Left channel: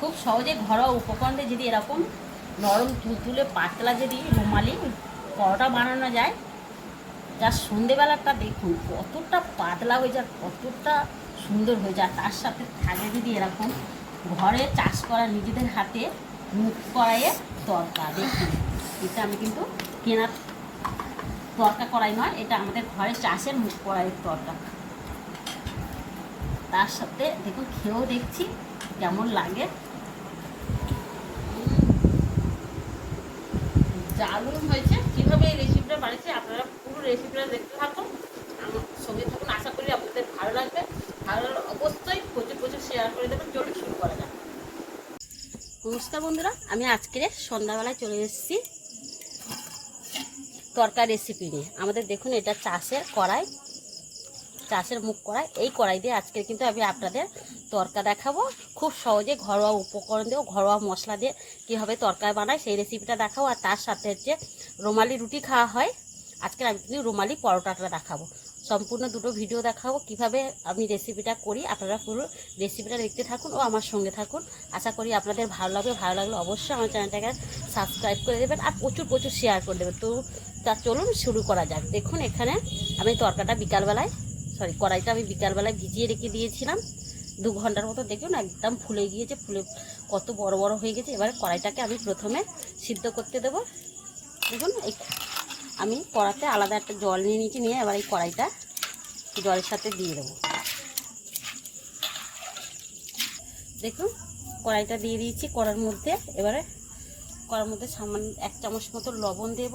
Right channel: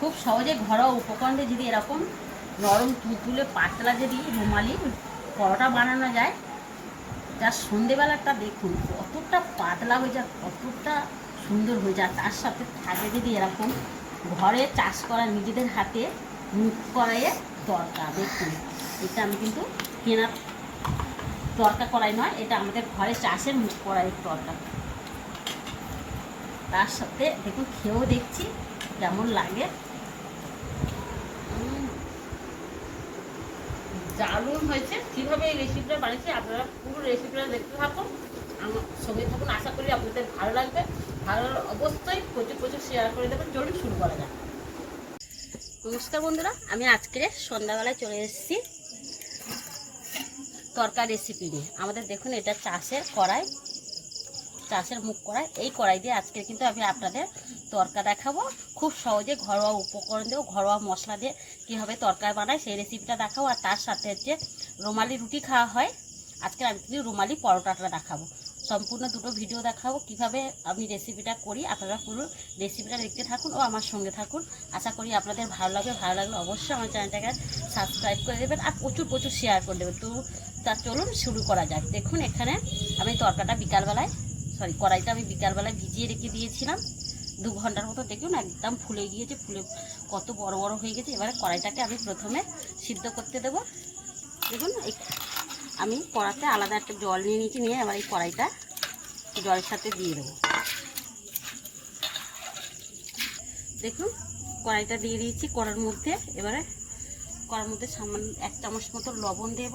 খুব সহজে ঘরোয়া উপকরণে যদি এরকম নরম তুলতুলে পাতলা যদি রুমালি পরোটা বানানো যায়, যার সন্ধেবেলাটা দেখুন কতটা পাতলা হয়ে যায়, কতটা সুন্দর হয়ে যায়। তার সাথে থাকে যদি এরকম ঘরে চাষ করা নিজেদের হাতে মুখ কড়াইয়ে তরকা। দেখুন এটা আমি কিন্তু কেনা তরকা কড়াই নয়, এটা আমাদের ঘরে চাষের মুখ কড়াইয়ের তরকা। তার সাথে দেখুন খেয়েও দেখছি কেমন লাগে। দারুণ হয়েছে। কীভাবে এই রেসিপিটা বানিয়েছে আপনারা পুরো রেসিপিটা দেখতে থাকুন, আমার সঙ্গে থাকুন। আশা করি আপনাদের ভালো লাগবে। ভালো অবশ্যই প্রচুর প্রচুর শেয়ার করে দেবেন। চলুন শুরু করা যাক। নমস্কার বন্ধুরা, আমি আজকে সন্ধ্যাবেলায় চলে এসেছি তরকার রেসিপি নিয়ে। আমাদের দেখুন এটা চাষের কড়াই, চাষের মুখ কড়াই। এই কড়াই দিয়ে আজকে কিন্তু আমি আপনাদের তরকা দেখাবো। খুব সহজে ঘরোয়া উপকরণ দিয়ে, ঘরোয়া মশলা দিয়ে কীভাবে তরকারি বানায় সেই রেসিপিটা দেখাবো। আর তার সাথে হচ্ছে রুমালি রুটি খাওয়া হয়, আজকে আমি রুমালি পরোটাটা দেখাবো। সম্পূর্ণ দুটো ভিডিও দেখাবো কিভাবে আমি রেসিপিটা করি। আপনারা পুরো রেসিপিটা দেখতে থাকুন ও আমার সঙ্গে থাকুন। আশা করি আপনাদের ভালো লাগবে। ভালো লাগলে অবশ্যই আমার চ্যানেলটাকে সাবস্ক্রাইব করে দেবেন আর প্রচুর প্রচুর শেয়ার করে দেবেন। তো তা চলুন শুরু করা যাক। দেখুন এখানে আমি তরকাটা বিকালবেলায়, কড়াইটা আমি বিকালবেলায় ভিজিয়ে রেখে দিয়েছিলাম 2 ঘন্টার মতো। দেখুন একদম ফুলে গিয়েছে, ফুলে কত বড় বড় হয়ে গেছে। এবারে কড়াইটাকে আমি প্রথমে সিদ্ধ করতে দেবো। দেখুন আমি কড়াতে আলাদা একটা জল নিয়ে নিয়েছি, নিয়ে এবার এই কড়াইটা জলের সাথে দিয়ে দেবো। দেখুন কড়াইটা দিয়ে দিয়েছি কড়ার মধ্যে। এবারে কড়ার মধ্যে সামান্য 1 চামচ মতো লবণ দেব,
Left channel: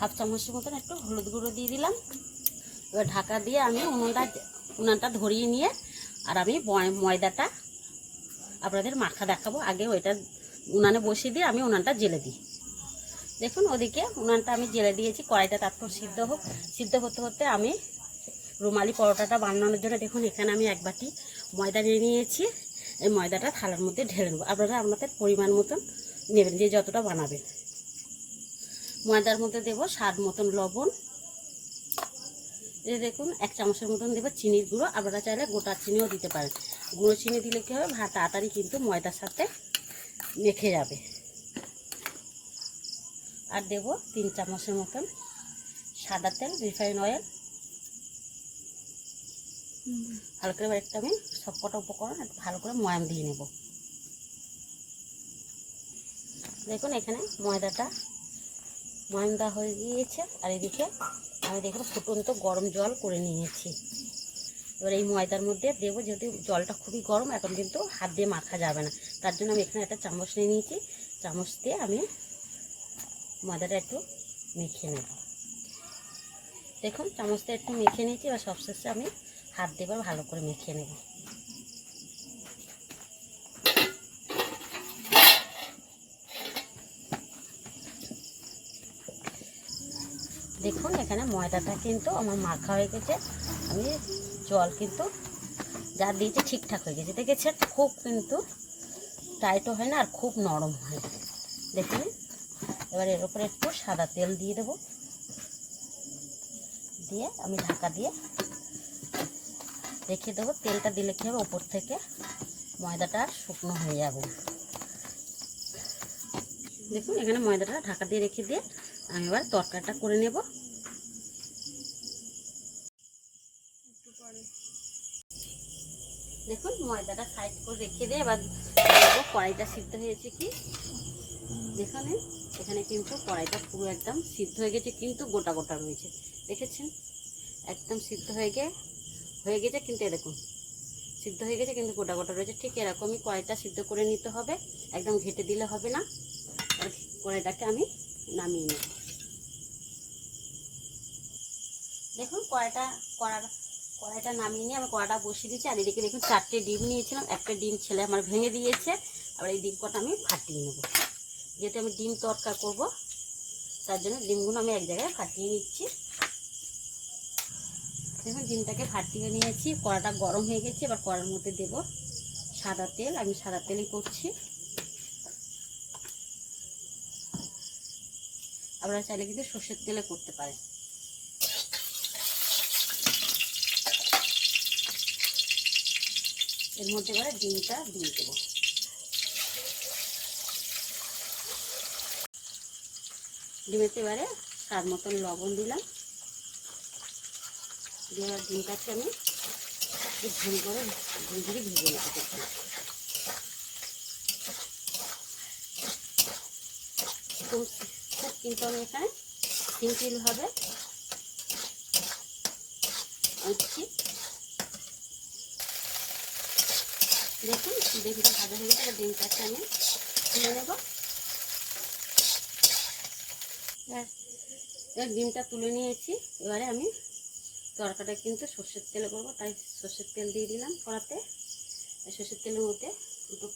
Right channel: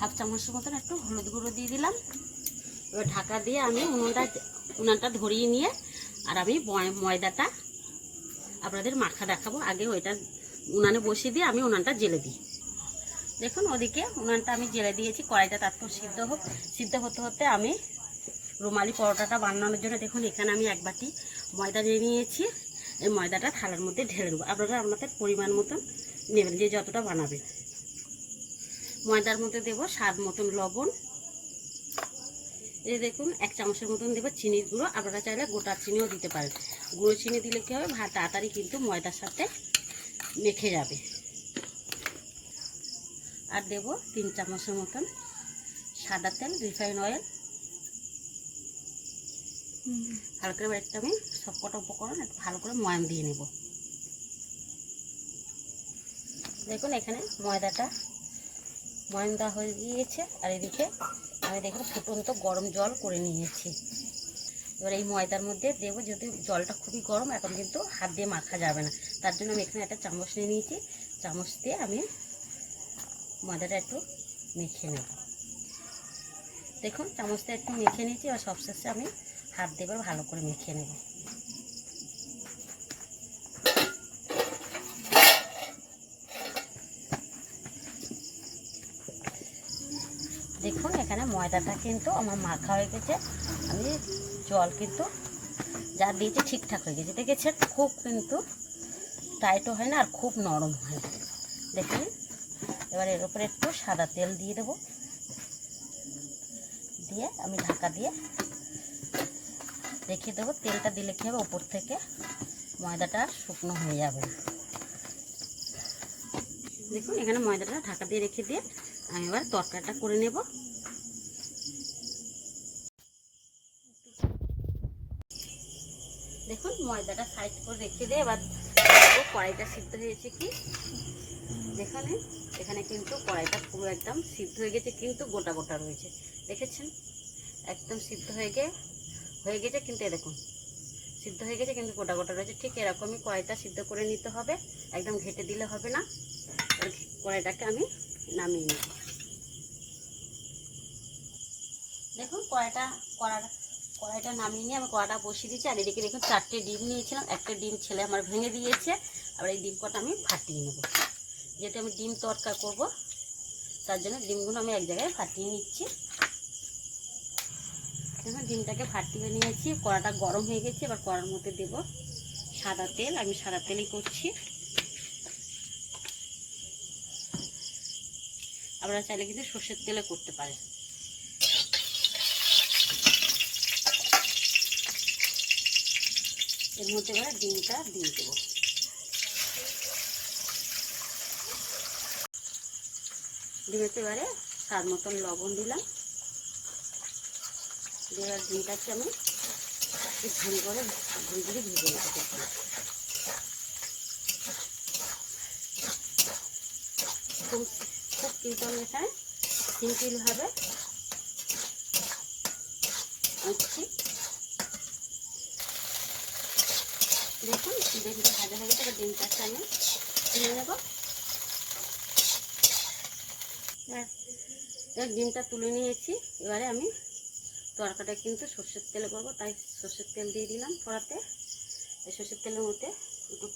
1/2 চামচের মতন একটু হলুদ গুঁড়ো দিয়ে দিলাম। এবার ঢাকা দিয়ে আমি উনানটা ধরিয়ে নিয়ে আর আমি ময়দাটা আপনাদের মাখা দেখাবো। আগে ওইটা উনানে বসিয়ে দিয়ে আমি উনানটা জেলে দিই। দেখুন ওদিকে উনানটা আমি জেলে দিয়েছি, কড়াইটা তারপর সিদ্ধ হোক। সিদ্ধ হতে হতে আমি রুমালি পরোটাটা বানানোর জন্য দেখুন এখানে আমি 1 বাটি ময়দা নিয়ে নিয়েছি। এই ময়দাটা থালার মধ্যে ঢেলে নেব। আপনারা আপনাদের পরিমাণ মতন নেবেন, যে যতটা বানাবেন। ময়দার মধ্যে দেব স্বাদ মতন লবণ। এই দেখুন 1 চামচের মতন দেবো চিনির গুঁড়ো। আপনারা চাইলে গোটা চিনিও দিতে পারেন। গুঁড়ো চিনি দিলে কী হবে, তাড়াতাড়ি কিন্তু ময়দার সাথে মেখে যাবে। আর দেব 3 চামচের মতন সাদা তেল, রিফাইন অয়েল। ভালো করে একটু আমি সবকটা উপকরণ একটু ভালো করে ময়াম দিয়ে নেব। দেখুন এখানে ময়দাটা ময়াম দেওয়া হয়ে গিয়েছে। আর এদিকে আমি দেখুন ফুটন্ত গরম জল করে নিয়েছি। এবার এই ময়দার মধ্যে দেবো, যদি জলটা খুবই গরম, এখন কিন্তু হাত দিয়ে মাখা যাবে না। তার জন্য আমি এখানে একটা চামচ নিয়ে নিয়েছি। চামচ দিয়ে আমি ময়দাটা একটু মেখে নেব। দেখুন চামচ দিয়ে একটু মেখে নিয়েছি। আর সবশেষে আমি হাত দিয়ে ভালো করে মেখে নেব। দেখুন এখানে ময়দাটা কিন্তু আমার মাখা হয়ে গেছে। আমি জল কিন্তু যা দিয়েছি ঠিকঠাক হয়ে গেছে। দেখেছেন খুব কিন্তু টাইটও হয় না আর খুব নরম হয়। দেখুন এবার এর উপরে একটু সাদা তেল দিয়ে দেবো, দিয়ে আমি ঢাকা দিয়ে রেখে দেবো। তেলটা দিলে কী হবে, ওপর থেকে ময়দাটা শুকনো হয়ে যাবে। দেখুন এখানে ময়দাটা ঢাকা দিয়ে রেখে দিয়ে আমি এবার তরকারিটা করে নেব। দেখুন ময়দাটা সাইড করে রেখে দিয়ে এবার কড়াইটা সিদ্ধ হয়েছে কি। যেখানে এখানে কিন্তু কড়াইটা পুরো একদম সিদ্ধ হয়ে গেছে, কিন্তু গোটা গোটা রয়েছে। দেখেছেন একদম সিদ্ধ হয়ে গেছে, কিন্তু দেখুন সিদ্ধ হয়ে গেছে কিন্তু গোটা গোটা রয়েছে। ঠিক এরকমই কড়াইটা সিদ্ধ করে নিতে হবে, একদম ঘেটে দিলে হবে না। কড়াইটাকে আমি নামিয়ে নিই। দেখুন কড়াইটা নামিয়ে নিয়ে আমি কড়াইটা বসিয়ে দিয়েছি। আর এদিকে দেখুন 4টে ডিম নিয়েছিলাম, একটা ডিম ছেলে আমার ভেঙে দিয়েছে। আবার এই ডিম কটা আমি ফাটিয়ে নেব। যেহেতু আমি ডিম তরকা করব তার জন্য ডিমগুলো আমি এক জায়গায় ফাটিয়ে নিচ্ছি। দেখুন ডিমটাকে ফাটিয়ে নিয়েছি। কড়াটা গরম হয়ে গেছে। এবার কড়ার মধ্যে দেব সাদা তেল। আমি সাদা তেলই করছি। আপনারা চাইলে কিন্তু সর্ষের তেলে করতে পারেন। এর মধ্যে এবারে ডিমটা দিয়ে দেবো। ডিমেতে এবারে স্বাদ মতন লবণ দিলাম, দিয়ে ডিমটাকে আমি একটু ঝুল করে ঝুলঝুলি ভেজে নেবো। খুব কিন্তু আমি এখানে সিম্পলভাবে উঠছি। দেখুন ডিমটা ভাজা হয়ে গেছে, ডিমটাকে আমি তুলে নেব। ডিমটা তুলে নিয়েছি, এবারে আমি তরকাটা কিন্তু সর্ষের তেলে করবো, তাই সর্ষের তেল দিয়ে দিলাম কড়াতে। এই সর্ষের তেলের মধ্যে দুটো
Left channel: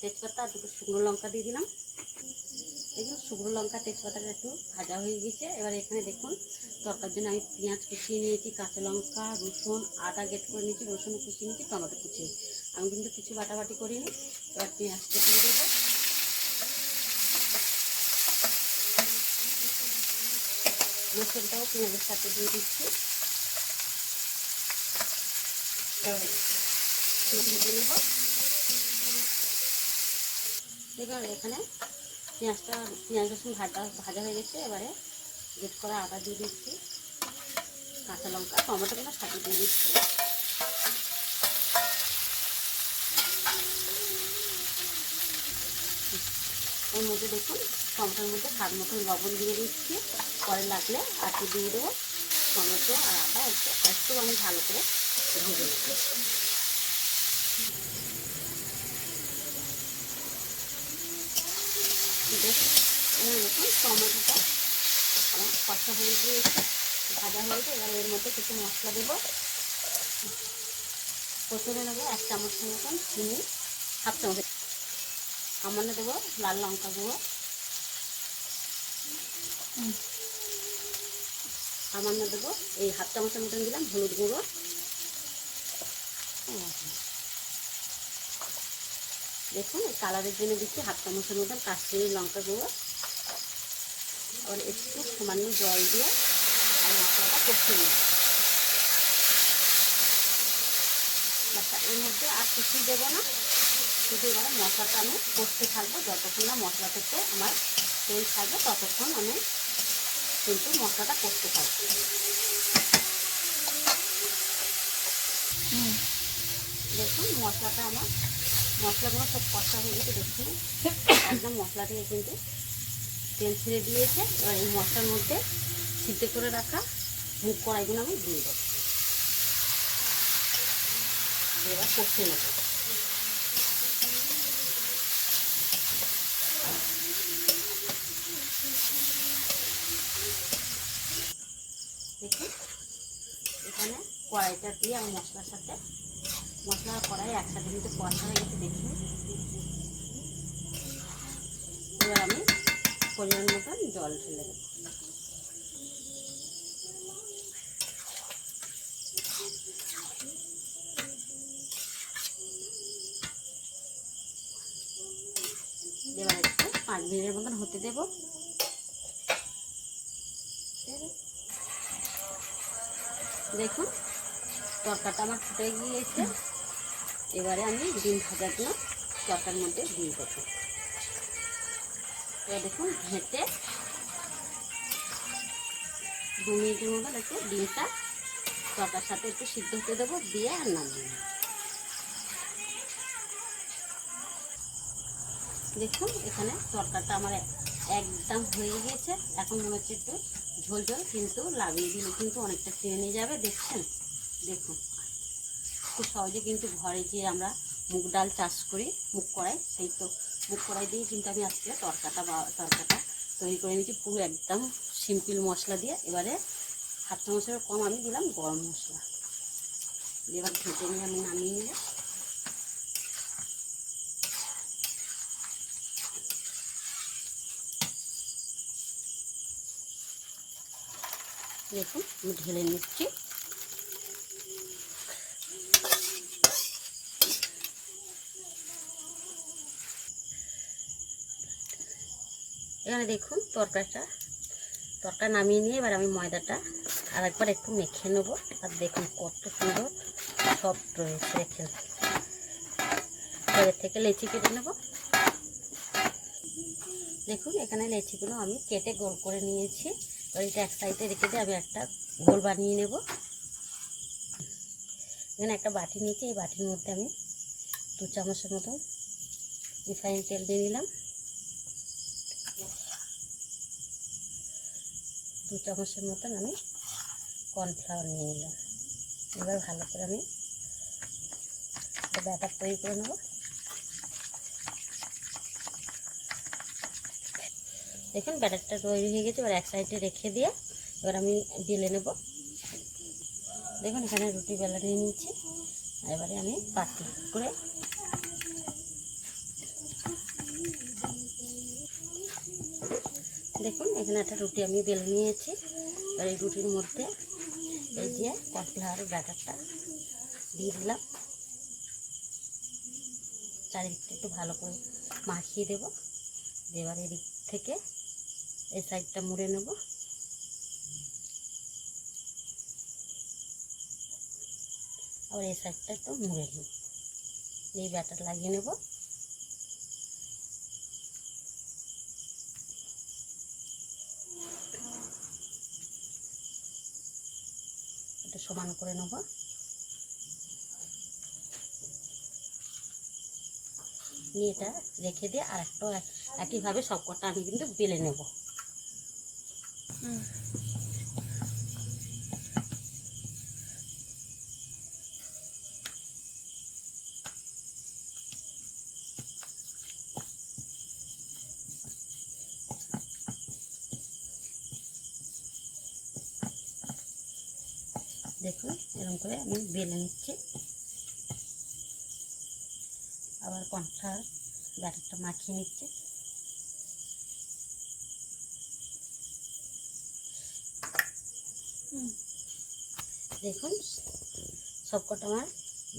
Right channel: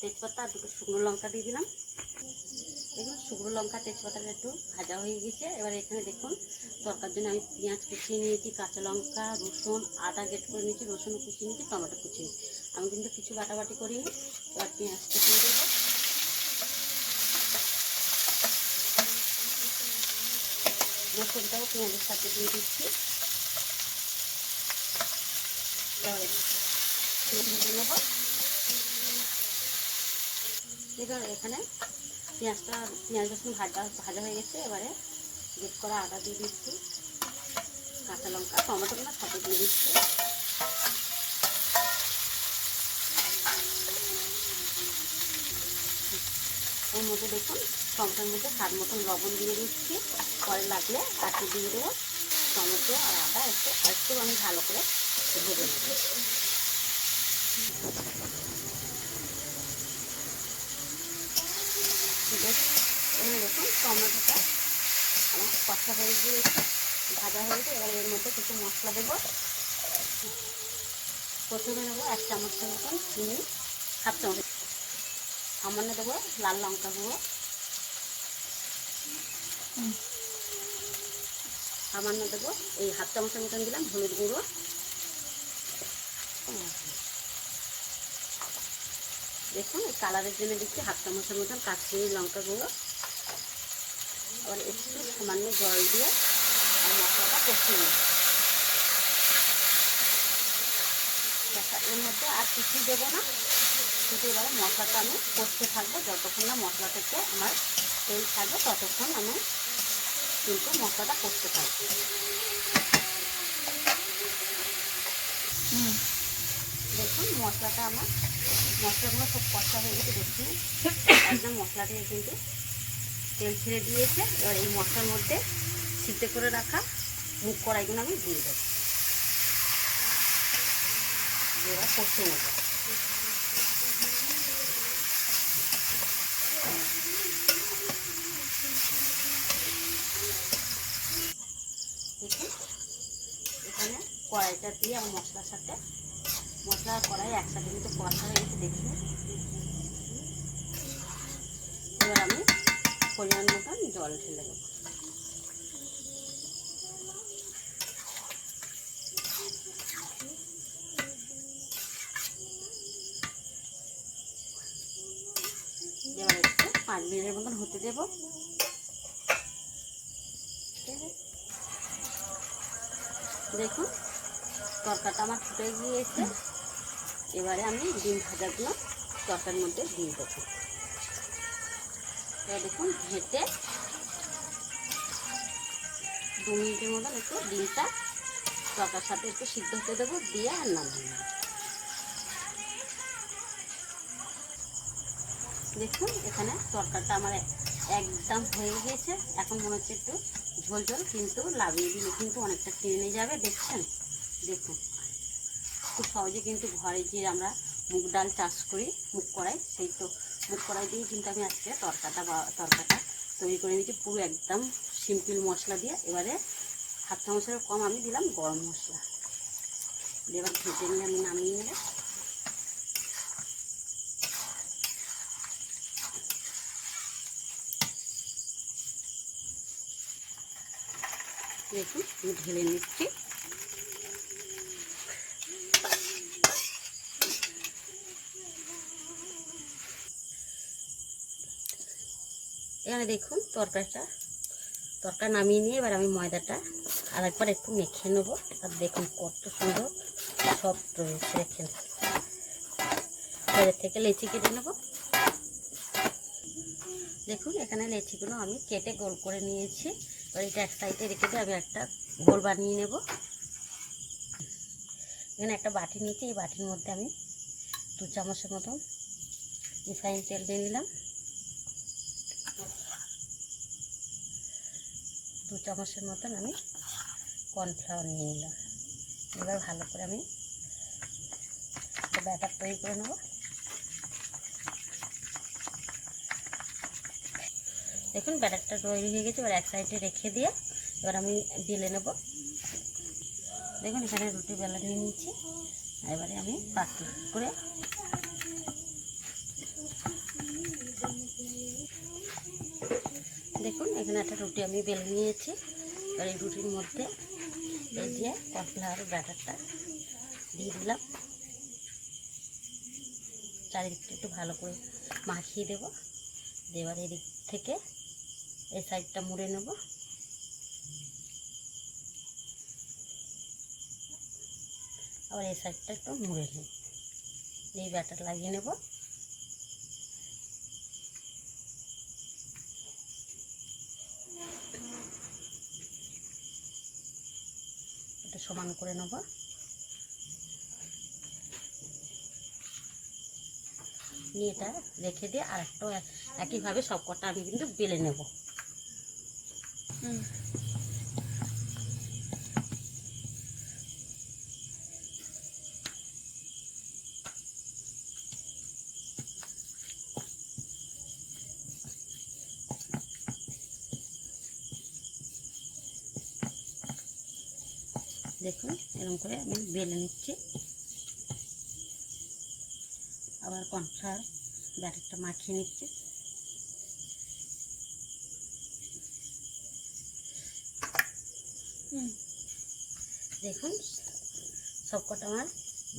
তেজপাতা আর দুটো শুকনো লঙ্কা দিয়ে দিলাম। দেখুন শুকনো লঙ্কা তেজপাতাটা একটু ভাজা হয়ে গেছে। এবার এখানে দেখুন তরকার জন্য আমি পেঁয়াজ কুচিয়ে নিয়েছি, কাঁচা লঙ্কা, রসুন, আদা গ্রেট করে নিয়েছি, রসুন কুচিয়ে নিয়েছি, টমেটো কুচিয়ে। আমি কিন্তু কিছু বাটাবাটি করিনি। এবার পেঁয়াজটা দিয়ে দেবো। রসুনটাও পেঁয়াজের সাথে দিয়ে দিচ্ছি। ভেজে নেব। এবার এখানে পেঁয়াজ রসুন ভাজা হয়ে গেছে। এবারে গ্রেট করা আদা দিয়ে দিচ্ছি, কাঁচা লঙ্কা, টমেটোগুলো সাথে দিয়ে দিচ্ছি। এর মধ্যে দেখুন টমেটোর মধ্যে স্বাদ মতন লবণ দিয়ে দিচ্ছি, পরে লাগলে আটি দিয়ে দেবো। টমেটো আর আদা একটু আমি ভালো করে ভেজে নেব। দেখুন টমেটোটা আমার কষা হয়ে গিয়েছে, ভাজা হয়েছে। এবার এর মধ্যে কিছু মশলা দেবো। প্রথমে নেবো 1 চামচের মতন চিনি, 1/2 চামচ। সামান্য দেবো লাল লঙ্কা গুঁড়ো, সামান্য দেবো এই 1/2 চামচের মতন দিলাম হলুদ গুঁড়ো। দেখুন এই কালারের জন্য দিচ্ছি 1/2 চামচের মতন কাশ্মীরি লঙ্কা গুঁড়ো। আর একটু সামান্য জল দিয়ে আর মশলাটা কষিয়ে নিই। এর মধ্যে আর কিছুই দেবো না, শুধু এবার মশলাটা আমি কষতে থাকবো। যতক্ষণ না মশলা থেকে আমার তেল থাকবে ততক্ষণ আমি কিন্তু মশলাটা কষতে থাকবো। দেখুন মশলাগুলো খুব কষা হয়ে গেছে। দেখুন একদম মশলা থেকে কিন্তু তেল ছেড়ে দিয়েছে। এবার এই মশলার মধ্যে সিদ্ধ করে রাখা মুগ কড়াইগুলো আমি দিয়ে দেবো। এবার কষতে নেব। দেখুন এখানে কড়াইটা দিয়ে আমার মশলার সাথে মশলা কড়াই একসাথে কিন্তু কষা হয়ে গেছে। দেখুন এবার আমি পরিমাণ মতন জল ঢেলে দেবো। এবার একটু 5 মিনিটের মতন হতে দেবো। দেখুন তরকাটা আমার ফুটে গিয়েছে। এবারে আমি ডিম ভাজাগুলো তরকারির মধ্যে দিয়ে দেবো। এবার দেখুন ঘেঁটে 2 মিনিটের মতন একটু ডিমটা তরকার সাথে একটু সিদ্ধ হতে দেবো, দিয়ে আর নামিয়ে নেব। দেখুন এখানে তরকারিটা আমার একদম হয়ে গিয়েছে। এখন মনে হচ্ছে একটু ঝোল ঝোল, কিন্তু লাভিয়ে দিলে কিন্তু অনেকটা টেনে যাবে। দেখছেন দেখুন খুব সহজে কিন্তু ঘরে যে আমরা মুগ ডাল চাষ করি মুগ কড়াই, সেই তো মুগ কড়াই দিয়ে কিন্তু আমি আজকে তরকাটা তৈরি করে নিয়েছি পুরো একদম সিম্পল মশলা দিয়ে। এবারে 1/2 চামচের কম আমি দিলাম গরম মশলা দিয়ে এবার ভেজে নিয়ে আমি নামিয়ে নেব। দেখুন আমি ঢেলে নিচ্ছি। এখানে দেখুন তরকারি নামিয়ে নিয়ে এবার আমি ময়দাটা আরেকবার একটু মেখে নেবো। আর দেখুন কত সুন্দর সফট রয়েছে। দেখেন এর থেকে লেচি কেটে নেব। দেখুন এখানে লেচিগুলো আমি কেটে গোল করে নিয়েছি। এবার এটা এক সাইডে রেখে দিয়ে আমি একটা গোল বানিয়ে নেব। এখানে একটা বাটি নিয়েছি, এই বাটির মধ্যে আমি 2 চামচের মতন রিফাইন তেল দিয়ে নিলাম। 2 চামচের মতন আমি কর্নফ্লাওয়ার নিয়ে নিলাম। এবার ভালো করে আমি ব্যাটার তৈরি করে নেব। দেখুন ব্যাটারটা তৈরি হয়ে গেছে। এবার এক সাইডে রেখে দিয়ে এবার আমি বেলে নেব। দেখুন এখানে রুটি বেলা নিয়ে নিচ্ছি। এবারে আমি পাতলা করে দেখুন এখানে একটা রুটি আমি বেলে নিয়েছি। এবার এই রুটির মধ্যে এই যে কর্নফ্লাওয়ার ব্যাটারটা দিয়ে দিলাম। চারিদিকটা একটু ভালো করে মাখিয়ে দেব। এবার এদিক থেকে এই সাইডটা মুড়ে নেব। আবার এই সাইডটা একটু মুড়ে নেব। এই ব্যাটার লাগিয়ে নেব। একটু সমান করে নেব। নিয়ে এটা রেখে দিয়ে আর একটা একইভাবে সব কটা আমি কিন্তু বেলে নেব। দেখুন এরকম করে আমি বেলে নিচ্ছি। আবার কর্নফ্লাওয়ার ব্যাটারটা মাখিয়ে নিচ্ছি। দেখুন সবকটা আমার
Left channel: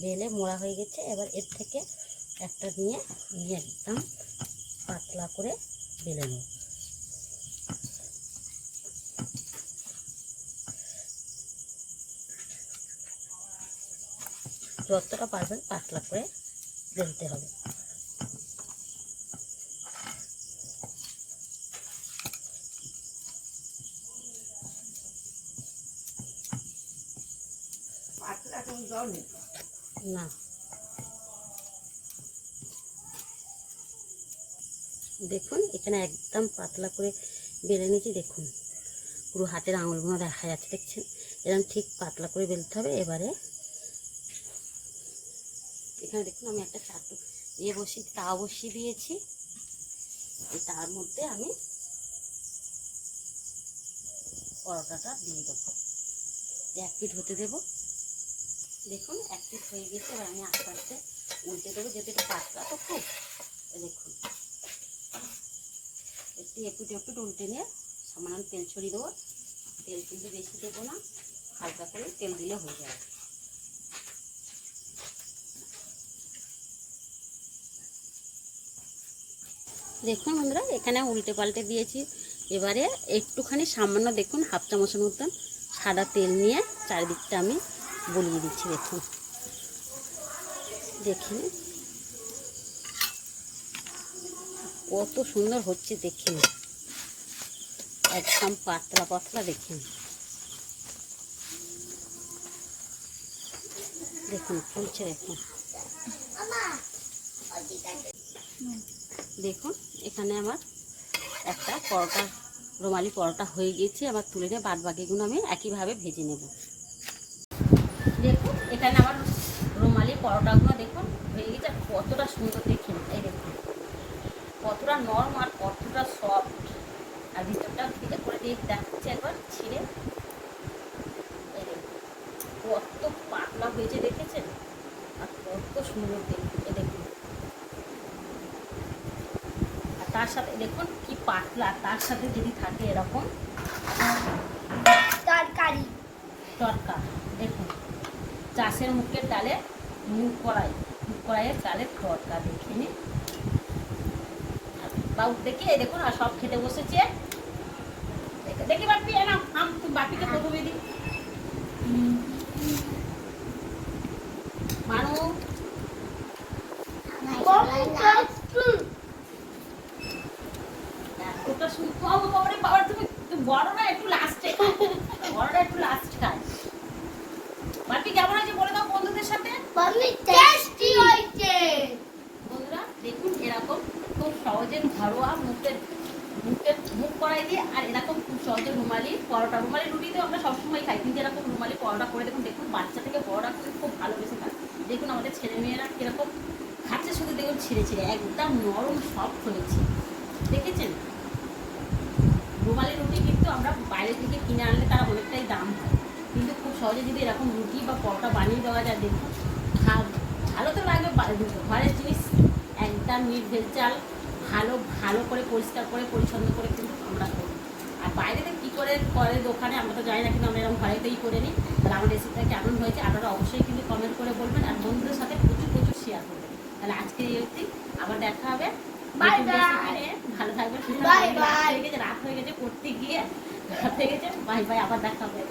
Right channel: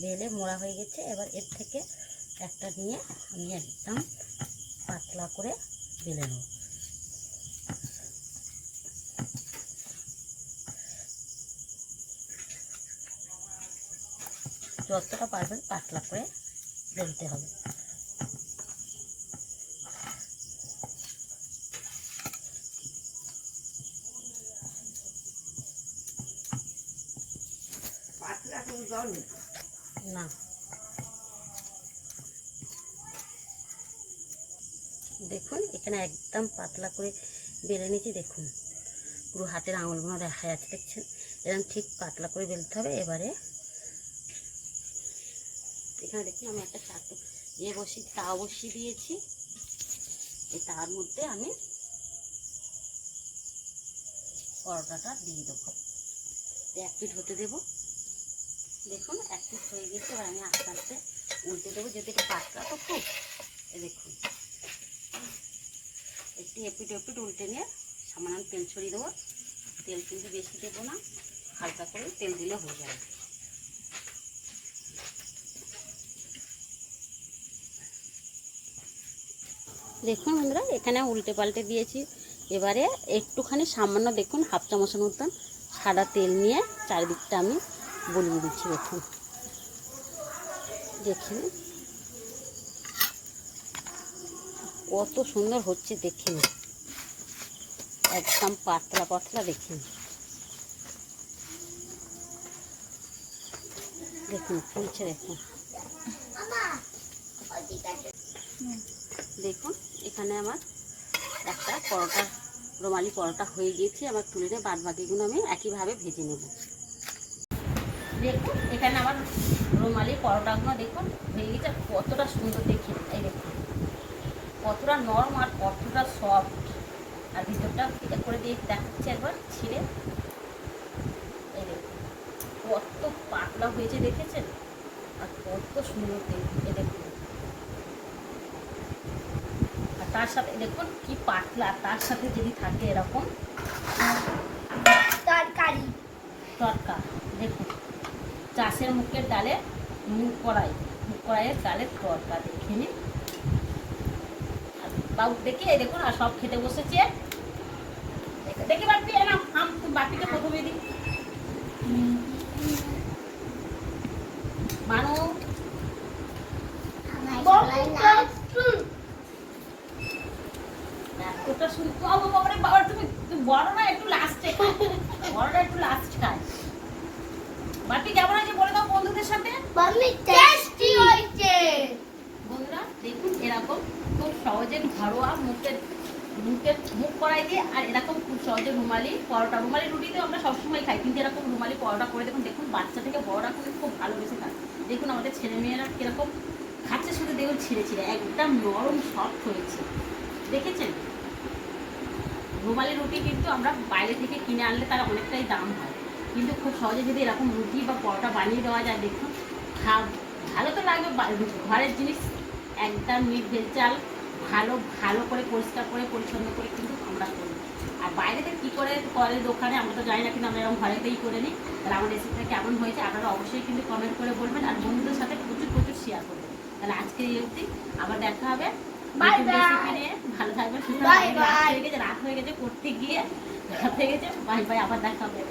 বেলে মোড়া হয়ে গেছে। এবার এর থেকে একটা নিয়ে আমি একদম পাতলা করে বেলে নেব। যতটা পারবেন পাতলা করে বেলতে হবে। না দেখুন এখানে একদম পাতলা করে বেলে নিয়েছি। দেখুন পুরো হাতের আঙুলগুলো দেখা যাচ্ছে, দেখছেন? এরকম ঠিক পাতলা করে বেলতে হবে। এবারে এখানে দেখুন আমি একটা তাওয়া বসিয়ে দিয়েছি। এই তার মধ্যে আমি পরোটাটা দিয়ে দেবো। 1 পিঠ হতে দেবো। দেখুন 1 পিঠ হয়ে গেছে। এবার আমি আস্তে আস্তে উল্টে দেবো, যেহেতু এটা পাতলা তো খুব। দেখুন একটু এপিট উল্টে নিয়ে সামান্য তেল ছড়িয়ে দেবো। তেল কিন্তু বেশি দেবো না, হালকা করে তেল দিলে হয়ে যাবে। দেখুন বন্ধুরা এখানে উল্টে পাল্টে দিয়েছি। এবারে একটুখানি সামান্য দেখুন 1/2 চামচের মতন সাদা তেল নিয়ে চারিদিকটা আমি বলিয়ে দিচ্ছি। দেখুন দেখুন কত সুন্দর হচ্ছে, দেখুন একদম পাতলা পাতলা। দেখুন দেখুন ফুলছে। দেখুন দেখুন এখানে আমার একটা পরোটা, রুমালি পরোটা হয়ে গেছে। আবার তুলে নিয়ে বাদ বাকিগুলো আমি একইভাবে ভেজে নেব। দেখুন এখানে আমার রুমালি পরোটাগুলো দেখুন হয়ে গেছে। কতটা সুন্দর দেখুন, এই দেখুন কতটা নরম আর কতটা সফট। আর ভিতরটা ভিতরে করে দিয়ে দেখাচ্ছি একবার ছিঁড়ে। এই দেখুন কত পাতলা হয়েছে, দেখেছেন? আর কত সুন্দর এই দেখুন। আর তার সাথে দেখুন কি পাতলা, তার সাথে যদি থাকে এরকম তরকারি দেখুন চাষের মুখের ডালে মুগ কড়াইয়ের ডালের তরকা দেখে নি বাবু দেখি। এই দেখুন আর সব খেতে বসেছে। দেখি বাকি বাকিটা প্রথমে দিই। মানু বড়রা একটু লাস্টে বড়রা একটু লাস্ট খায়। বাপি কেমন হয়েছে বলে দাও বন্ধুদের সাথে। মাম্মি টেস্টি হয়েছে। বন্ধুরা দেখুন এরকম খুব সহজে ঘরোয়া মুখ করাই দিয়ে আর এরকম খুব সহজে রুমালি পরোটা, রুমালি রুটি তো আমরা সবসময় খাই, কিন্তু এরকম রুমালি পরোটা করে দেখুন। দেখুন বাচ্চা থেকে বড়রা কিন্তু খুব ভালোবেসে খায়। দেখুন আমাদের ছেলে মেয়েরা কিরকম খাচ্ছে, শুধু দেখুন ছিঁড়ে ছিঁড়ে একদম নরম সফট হয়েছে, দেখেছেন। রুমালি রুটি কিন্তু আমরা বাইরে থেকে কিনে আনলে তারা অনেকটাই দাম হয়, কিন্তু খুব সহজে যদি এরকম রুটি বা পরোটা বানিয়ে দেওয়া যায় দেখুন ভালো তো লাগবে। ঘরের জিনিস একদম নির্ভেজাল ভালো ভালো করে পরিষ্কার করে পরিচ্ছন্ন করে কিন্তু আমরা করি। আর বাইরেতে কী করে করে দোকানে আমরা তো জানি না, কিন্তু আমরা এরকম ঘরেতেই করে নিই। তাহলে আমার রেসিপিটা কেমন হয়েছে আপনারা অবশ্যই কিন্তু কমেন্ট করে বলবেন, আর বন্ধুদের সাথে প্রচুর প্রচুর শেয়ার করবেন। তাহলে আজকের রেসিপি আবার দেখা হবে। Bye bye. ভালো থাকবেন। Bye bye. রাত হয়ে গেছে করতে গিয়ে রাত হয়ে গেছে। বাই বাই, আবার দেখা হবে।